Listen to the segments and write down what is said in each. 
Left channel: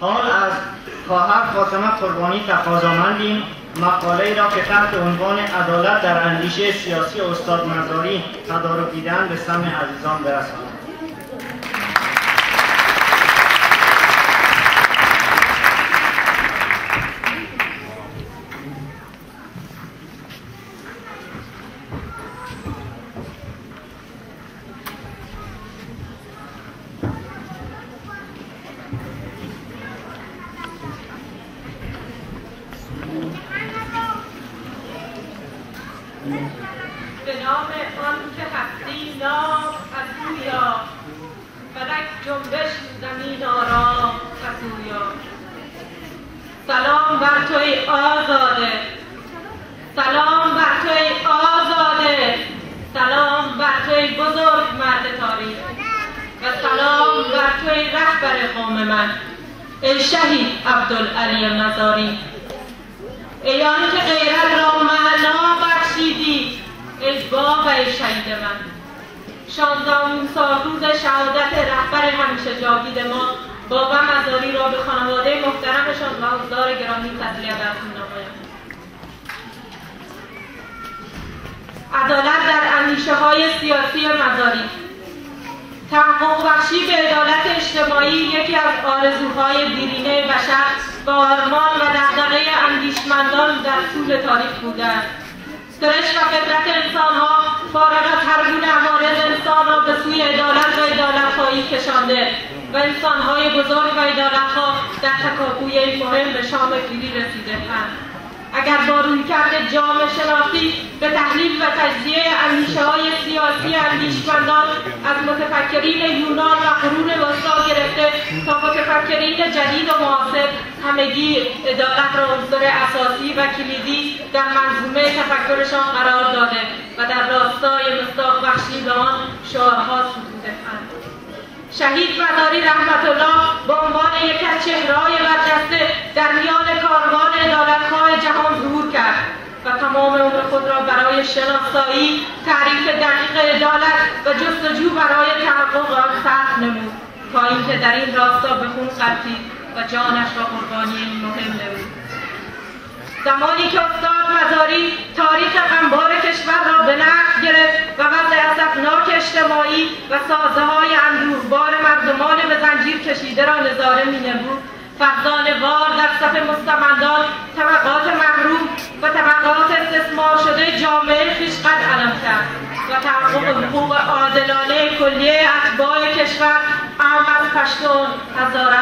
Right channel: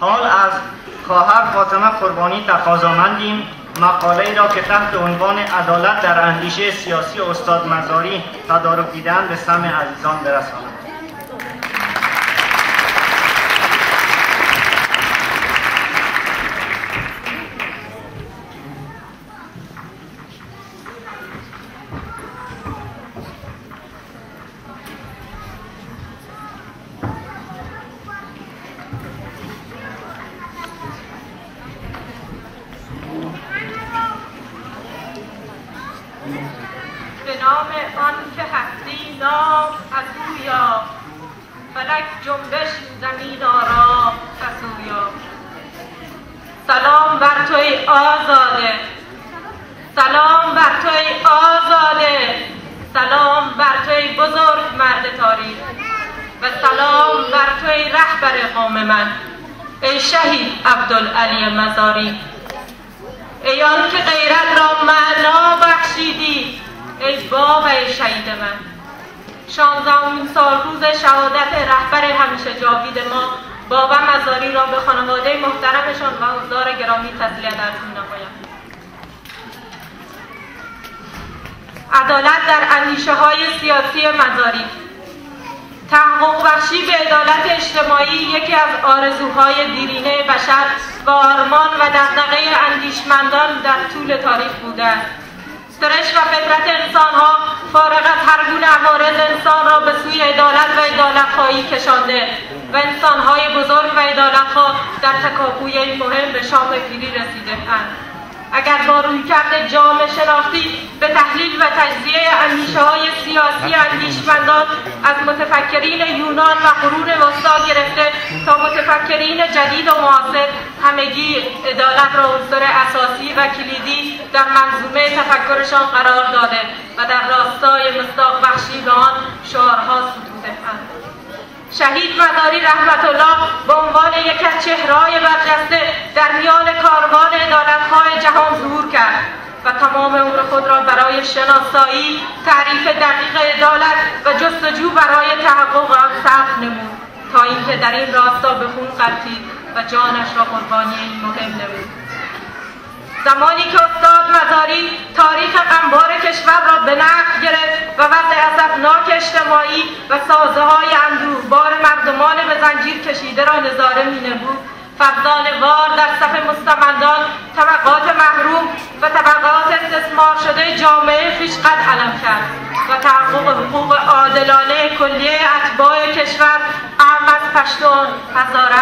حال از خواهر فاطمه قربانی تقاضامندیم مقاله‌ای را که تحت عنوان عدالت در اندیشه سیاسی استاد مزاری تدارک دیده‌اند به سمع عزیزان برسانند. به نام آن که هستی نام از اویا، فلک جنبش زمین آرام از اویا. سلام بر تو ای آزاده، سلام بر تو ای آزاده، سلام بر تو ای بزرگ مرد تاریخ و سلام بر تو ای رهبر قوم من، ای شهید عبدالعلی مزاری. ای آن که غیرت را معنا بخشیدی، ای باغ ای شهید من. 16 سالروز شهادت رهبر همیشه جاوید ما بابا مزاری را به خانواده محترمشان و حضار گرامی تسلیت عرض می‌نمایم. عدالت در اندیشه های سیاسی مزاری. تحقق بخشی به عدالت اجتماعی یکی از آرزوهای دیرینه بشر و آرمان و دغدغه اندیشمندان در طول تاریخ بوده است. سرشت و فطرت انسانها فارغ از هر گونه عوارض انسان را به سوی عدالت و عدالت‌خواهی کشانده و انسانهای بزرگ و عدالت‌خواه در تکاپوی این مهم به شام پیری رسیده‌اند. اگر با رویکرد جامعه شناختی به تحلیل و تجزیه اندیشه‌های سیاسی اندیشمندان از متفکرین یونان و قرون وسطی گرفته تا متفکرین جدید و معاصر همگی عدالت را عنصر اساسی و کلیدی در منظومه تفکرشان قرار داده و در راستای مصداق بخشی به آن شعارها ستوده‌اند. شهید مزاری رحمت الله به عنوان یک از چهره‌های برجسته در میان کاروان عدالت‌خواه جهان ظهور کرد و تمام عمر خود را برای شناسایی، تعریف دقیق عدالت و جستجو برای تحقق آن صرف نمود تا اینکه در این راستا به خون غلتید و جانش را قربانی این مهم نمود. زمانی که استاد مزاری تاریخ غمبار کشور را به نقد گرفت و وضع اسفناک اجتماعی و سازه‌های اندوهبار مردمان به زنجیر کشیده را نظاره می‌نمود، فرزانه‌وار در صف مستمندان طبقات محروم و طبقات استثمار شده جامعه خویش قد علم کرد و تحقق حقوق عادلانه کلیه اتباع کشور عام از پشتون، هزاره،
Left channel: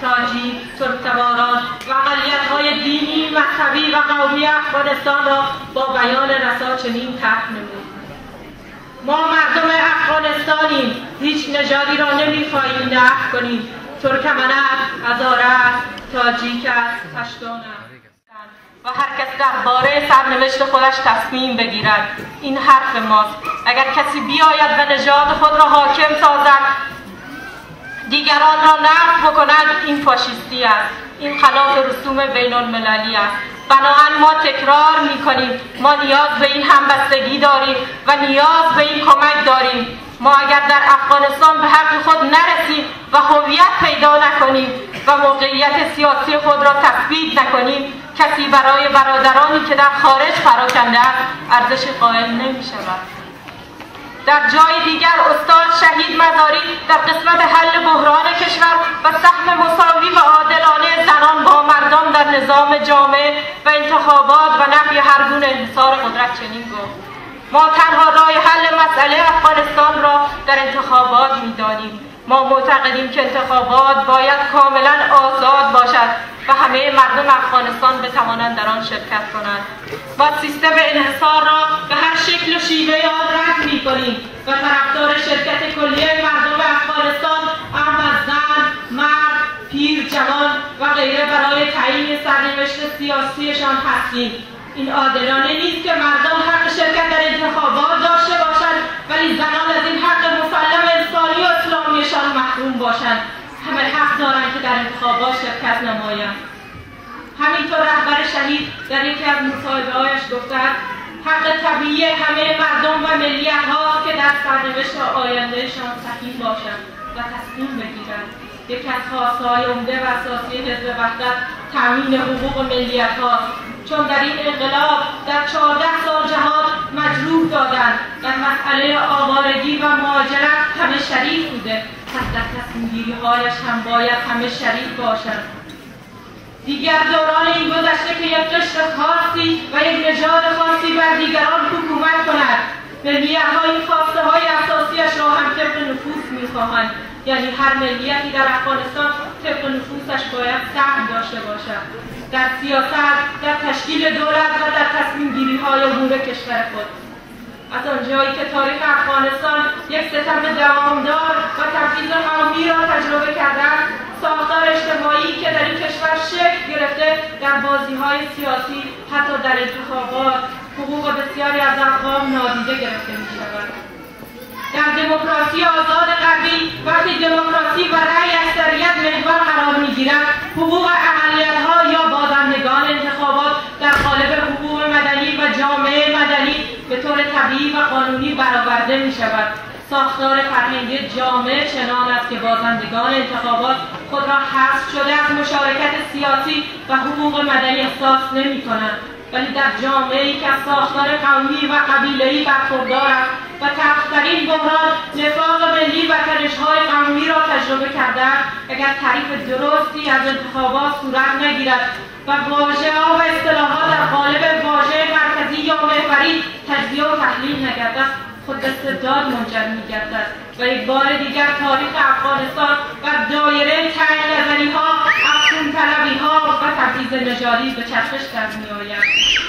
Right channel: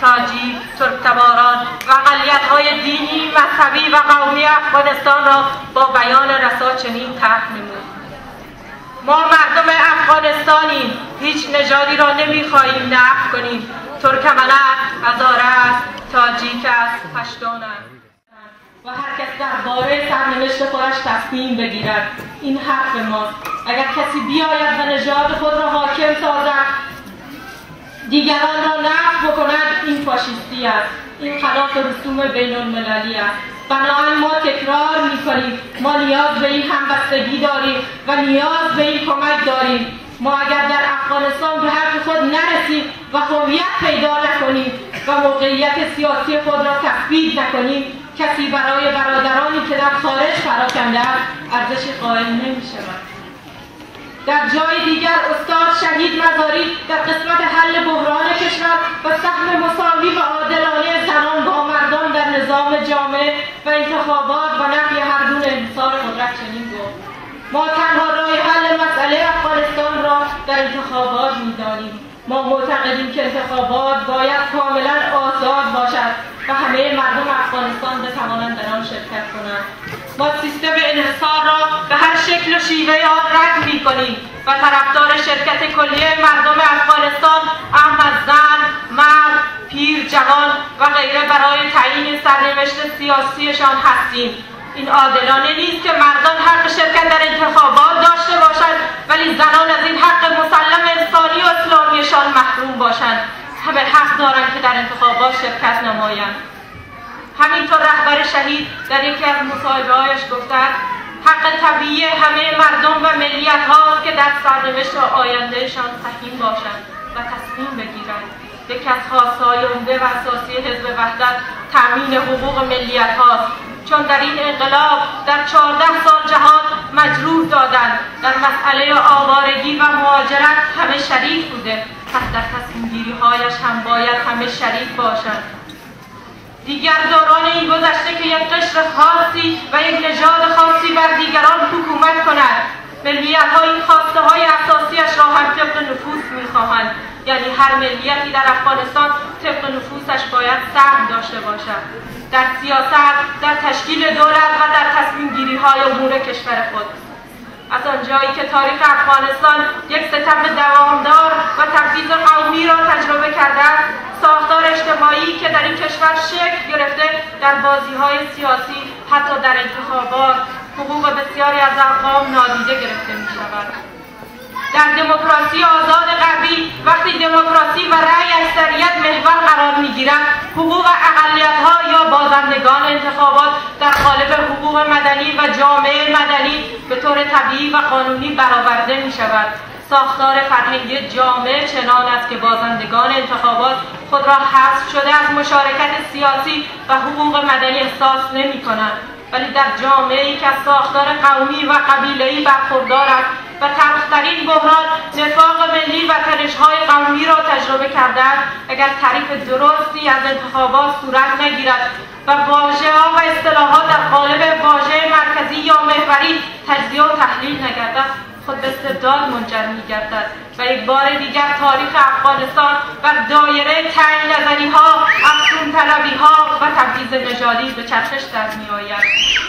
تاجیک، ترک‌تباران و اقلیت‌های دینی، مذهبی و قومی افغانستان را با بیان رسا چنین طرح نمود: ما مردم افغانستانیم، هیچ نژادی را نمی‌خواهیم نفی کنیم. ترکمن است، هزاره است، تاجیک است، پشتون است و هر کس درباره سرنوشت خودش تصمیم بگیرد. این حرف ماست. اگر کسی بیاید و نژاد خود را حاکم سازد، دیگران را نفی بکند، این فاشیستی است. این خلاف رسوم بین المللی است. بنابراین ما تکرار می‌کنیم ما نیاز به این همبستگی داریم و نیاز به این کمک داریم. ما اگر در افغانستان به حق خود نرسیم و هویت پیدا نکنیم و موقعیت سیاسی خود را تثبیت نکنیم، کسی برای برادرانی که در خارج پراکنده است ارزش قائل نمی‌شود. در جای دیگر استاد شهید مزاری در قسمت حل بحران کشور و سهم مساوی و عادلانه زنان با مردان در نظام جامعه و انتخابات و نفی هر گونه انحصار قدرت چنین گفت: ما تنها راه حل مسئله افغانستان را در انتخابات می‌دانیم. ما معتقدیم که انتخابات باید کاملا آزاد باشد و همه مردم افغانستان بتوانند در آن شرکت کنند. ما سیستم انحصار را به هر شکل و شیوه آن رد می‌کنیم و طرفدار شرکت کلیه مردم افغانستان، اهم از زن، مرد، پیر، جوان و غیره برای تعیین سرنوشت سیاسیشان هستیم. این عادلانه نیست که مردان حق شرکت در انتخابات داشته باشند ولی زنان از این حق مسلم انسانی و اسلامیشان محروم باشند. همه حق دارند که در انتخابات شرکت نمایند. همینطور رهبر شهید در یکی از مصاحبه‌هایش گفته است: حق طبیعی همه مردم و ملیت‌ها که در سرنوشت آیندهشان سهیم باشند و تصمیم بگیرند. یکی از خواستهای عمده و اساسی حزب وحدت تامین حقوق ملیت هاست، چون در این انقلاب در 14 سال جهان مجروح دادند. در مسئله آوارگی و مهاجرت همه شریک بوده، پس در تصمیم گیری هایش هم باید همه شریک باشند. دیگر دوران این گذشته که یک قشر خاصی و یک نژاد خاصی بر دیگران حکومت کند. ملیت‌ها این خواسته های اساسیش را هم طبق نفوذ می‌خواهند، یعنی هر ملیتی در افغانستان طبق نفوذش باید سهم داشته باشد در سیاست، در تشکیل دولت و در تصمیم گیری های امور کشور خود. از آنجایی که تاریخ افغانستان یک ستم دوامدار و تبعیض قومی را تجربه کرده است، ساختار اجتماعی که در این کشور شکل گرفته در بازی‌های سیاسی، حتی در انتخابات، حقوق بسیاری از اقوام نادیده گرفته می‌شود. در دموکراسی آزاد غربی وقتی دموکراسی و رأی اکثریت محور قرار می‌گیرد، حقوق اقلیت‌ها یا بازندگان انتخابات در قالب حقوق مدنی و جامعه مدنی به طور طبیعی و قانونی برآورده می‌شود. ساختار فرهنگی جامعه چنان است که بازندگان انتخابات خود را حذف شده از مشارکت سیاسی و حقوق مدنی احساس نمی‌کنند، ولی در جامعه‌ای که از ساختار قومی و قبیله‌ای برخوردار است و تلخ‌ترین بحران نفاق ملی و تنش‌های قومی را تجربه کرده است، اگر تعریف درستی از انتخابات صورت نگیرد و واژه‌ها و اصطلاحات در قالب واژه مرکزی یا محوری تجزیه و تحلیل نگردد، خود به استبداد منجر می‌گردد و یک بار دیگر تاریخ افغانستان بر دایره تنگ نظری‌ها، افزون‌طلبی‌ها و تبعیض نژادی به چرخش در می‌آید.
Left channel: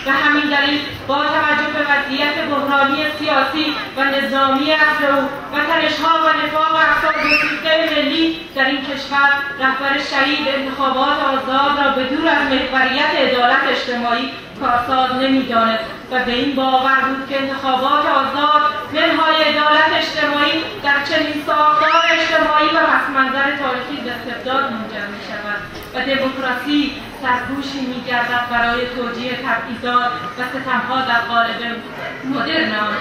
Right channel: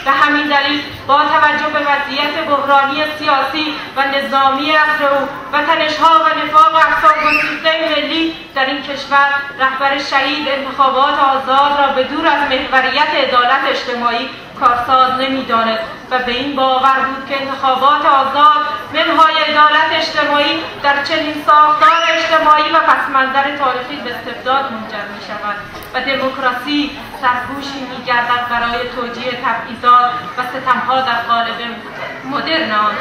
به همین دلیل با توجه به وضعیت بحرانی سیاسی و نظامی افزون و تنش‌ها و نفاق افسانه‌گسیخته ملی در این کشور، رهبر شهید انتخابات آزاد را به دور از محوریت عدالت اجتماعی کارساز نمی‌داند و به این باور بود که انتخابات آزاد منهای عدالت اجتماعی در چنین ساختار اجتماعی و پس‌منظر تاریخی به استبداد منجر می‌شود و دموکراسی سرپوشی می‌گردد برای توجیه تبعیضات و ستم‌ها در قالب مدرن آن.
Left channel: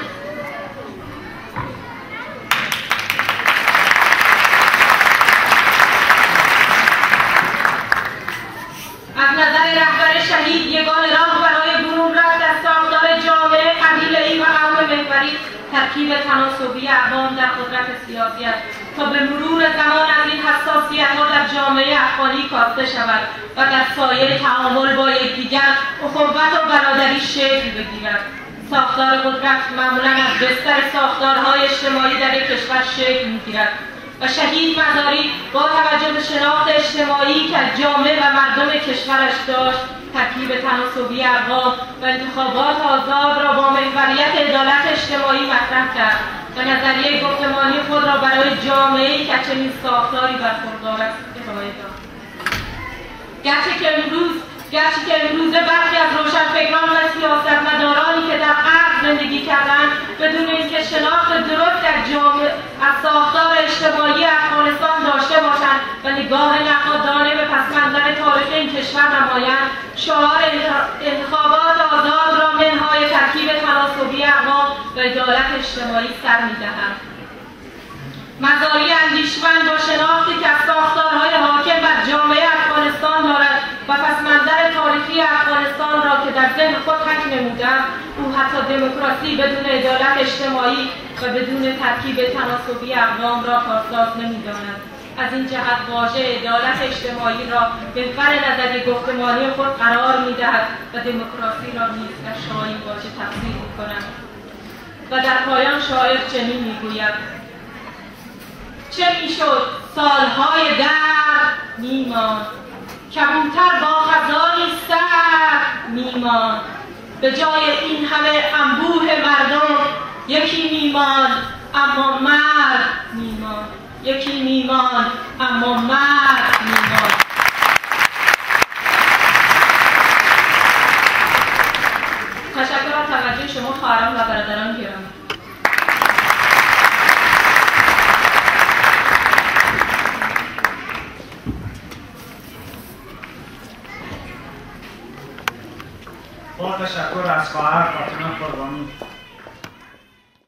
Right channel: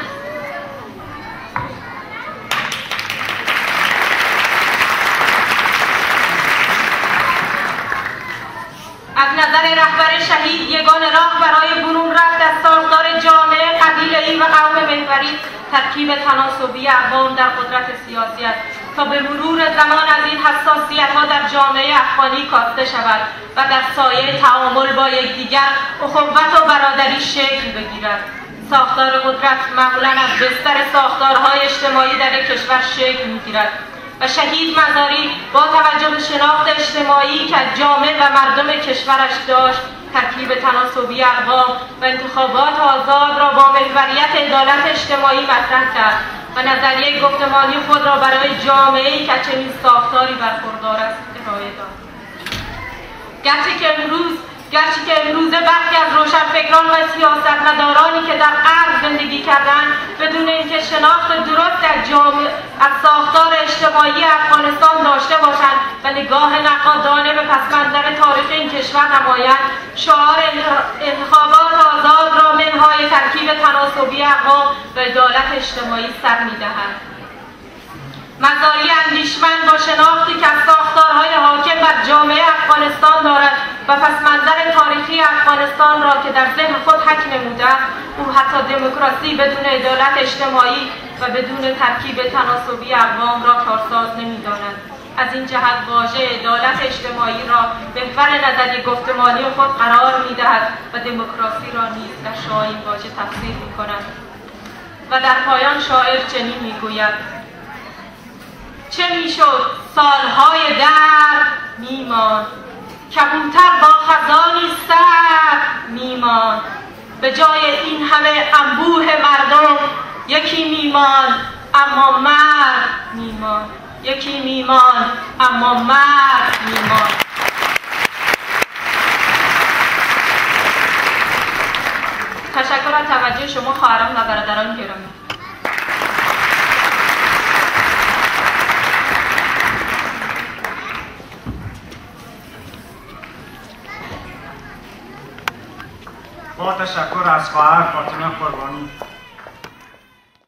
از نظر رهبر شهید یگانه راه برای برون رفت از ساختار جامعه قبیله‌ای و قوم محوری ترکیب تناسبی اقوام در قدرت سیاسی است تا به مرور زمان از این حساسیت‌ها در جامعه افغانی کاسته شود و در سایه تعامل با یکدیگر اخوت و برادری شکل بگیرد. ساختار قدرت معمولاً از بستر ساختارهای اجتماعی در یک کشور شکل می‌گیرد و شهید مزاری با توجه به شناخت اجتماعی که از جامعه و مردم کشورش داشت، ترکیب تناسبی اقوام و انتخابات آزاد را با محوریت عدالت اجتماعی مطرح کرد و نظریه گفتمانی خود را برای جامعه‌ای که چنین ساختاری برخوردار است ارائه داد. گرچه که امروزه برخی از روشنفکران و سیاستمدارانی که در غرب زندگی کردند بدون اینکه شناخت درست از ساختار اجتماعی افغانستان داشته باشند و نگاه نقادانه به پس‌منظر تاریخ این کشور نمایند، شعار انتخابات آزاد را منهای ترکیب تناسبی اقوام و عدالت اجتماعی سر می‌دهند. مزاری اندیشمند با شناختی که از ساختارهای حاکم بر جامعه افغانستان دارد و پس‌منظر تاریخی افغانستان را که در ذهن خود حک نمودند، او حتی دموکراسی بدون عدالت اجتماعی و بدون ترکیب تناسبی اقوام را کارساز نمی‌داند. از این جهت واژه عدالت اجتماعی را محور نظری گفتمانی خود قرار می‌دهد و دموکراسی را نیز در شایین واژه تفسیر می‌کند. و در پایان شاعر چنین می‌گوید: چه میشد سالهای درد میماند، کبوتر با خزانی سرد میماند، به جای این همه انبوه مردم یکی میماند اما مرد میماند، یکی میماند اما مرد میماند. تشکر از توجه شما خواهران و برادران گرامی. با تشکر از خواهر فاطمه قربانی.